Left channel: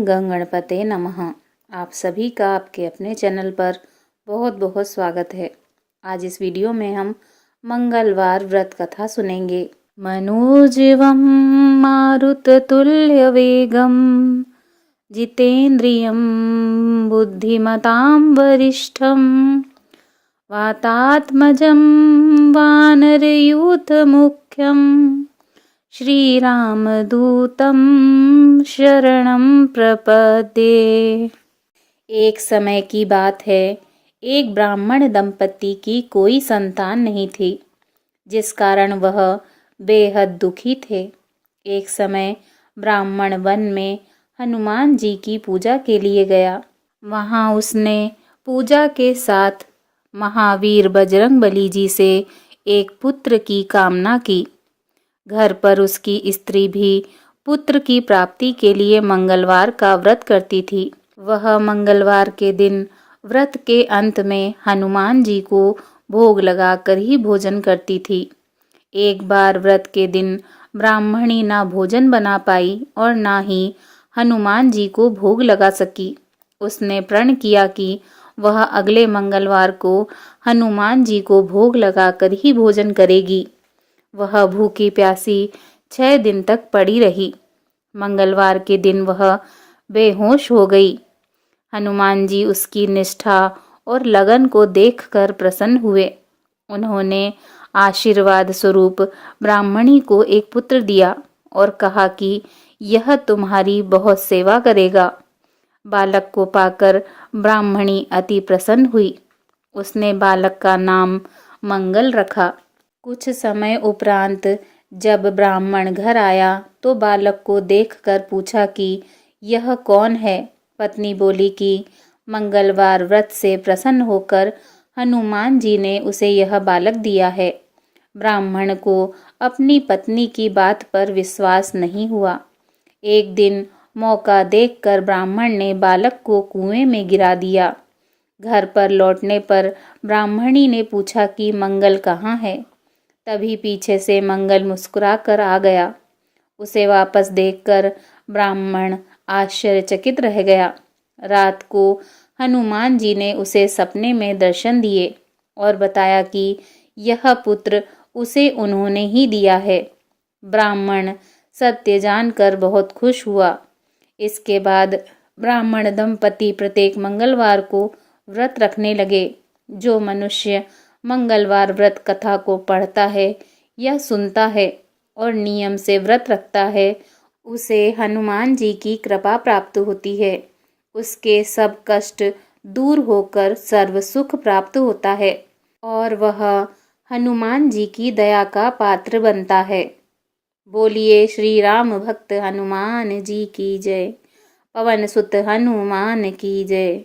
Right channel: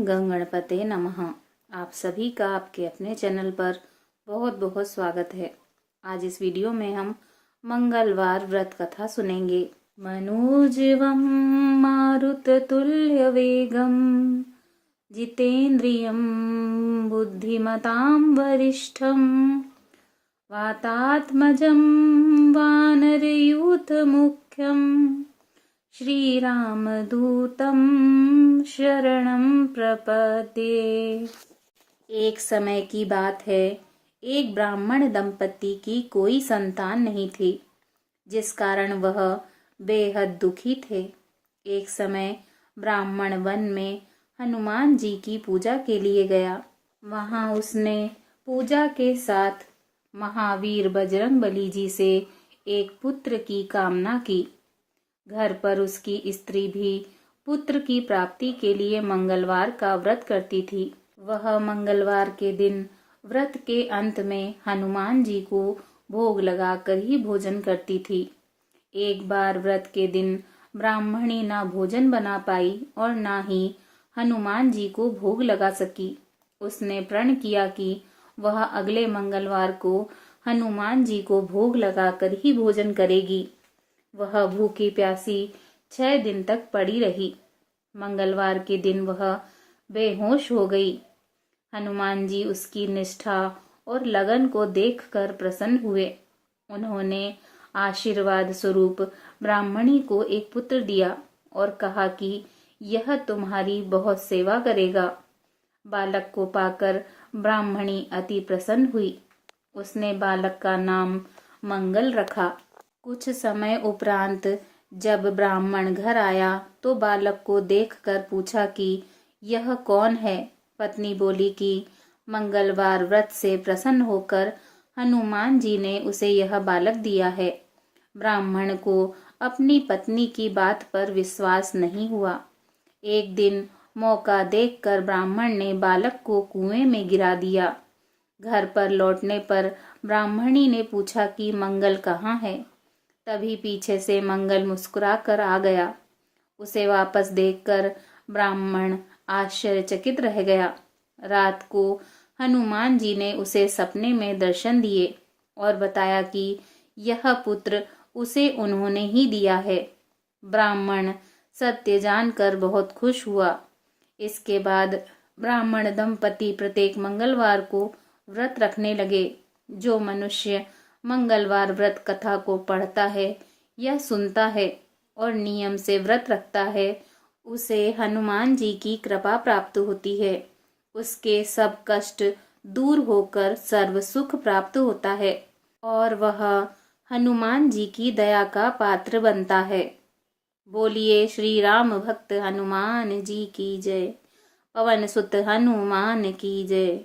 गं गणपते नमः। आप सभी का आपके अपने चैनल पर बहुत बहुत स्वागत है। आज इस वीडियो में हम मंगलवार व्रत कथा सुनेंगे। मनोजवं मारुततुल्यवेगं जितेन्द्रियं बुद्धिमतां वरिष्ठं वातात्मजं वानरयूथमुख्यं श्रीरामदूतं शरणं प्रपद्ये। एक समय की बात है, एक ब्राह्मण दंपति की कोई संतान नहीं थी, जिस कारण वह बेहद दुखी थे। एक समय ब्राह्मण वन में हनुमान जी की पूजा के लिए गया। वहाँ उसने पूजा के साथ महावीर बजरंगबली जी से एक पुत्र की कामना की। घर पर उसकी स्त्री भी पुत्र की प्राप्ति के लिए मंगलवार का व्रत करती थी। वह मंगलवार के दिन व्रत के अंत में हनुमान जी को भोग लगाकर ही भोजन करती थी। एक बार व्रत के दिन ब्राह्मणी ना भोजन बना पाई और ना ही हनुमान जी को भोग लगा सकी। उसने प्रण किया कि वह अगले मंगलवार को हनुमान जी को भोग लगाकर ही भोजन करेगी। वह भूखी प्यासी 6 दिन तक पड़ी रही। मंगलवार के दिन वह बेहोश हो गई। हनुमान जी उसकी निष्ठा और लगन को देखकर प्रसन्न हुए। उन्होंने आशीर्वाद स्वरूप ब्राह्मणी को एक पुत्र दिया और कहा कि यह तुम्हारी बहुत सेवा करेगा। बालक को पाकर ब्राह्मणी अति प्रसन्न हुई। उसने बालक का नाम मंगल रखा। कुछ समय उपरांत जब ब्राह्मण घर आया तो बालक को देखकर पूछा कि यह कौन है। पत्नी बोली कि मंगलवार व्रत से प्रसन्न होकर हनुमान जी ने उसे यह बालक दिया है। ब्राह्मण को अपनी पत्नी की बात पर विश्वास नहीं हुआ। एक दिन मौका देखकर ब्राह्मण ने बालक को कुएं में गिरा दिया। घर पर लौटने पर ब्राह्मणी ने पूछा कि मंगल कहाँ है। तभी पीछे से मंगल मुस्कुराकर आ गया। उसे वापस देखकर ब्राह्मण आश्चर्यचकित रह गया। रात को हनुमान जी ने उसे सपने में दर्शन दिए और बताया कि यह पुत्र उसे उन्होंने ही दिया है। ब्राह्मण सत्य जानकर बहुत खुश हुआ। इसके बाद ब्राह्मण दंपति प्रत्येक मंगलवार को व्रत रखने लगे। जो मनुष्य मंगलवार व्रत कथा को पढ़ता है या सुनता है और नियम से व्रत रखता है, उसे हनुमान जी की कृपा प्राप्त होती है। उसके सब कष्ट दूर होकर सर्व सुख प्राप्त होता है और वह हनुमान जी की दया का पात्र बनता है। बोलिए श्री राम भक्त हनुमान जी की जय। पवन सुत हनुमान की जय।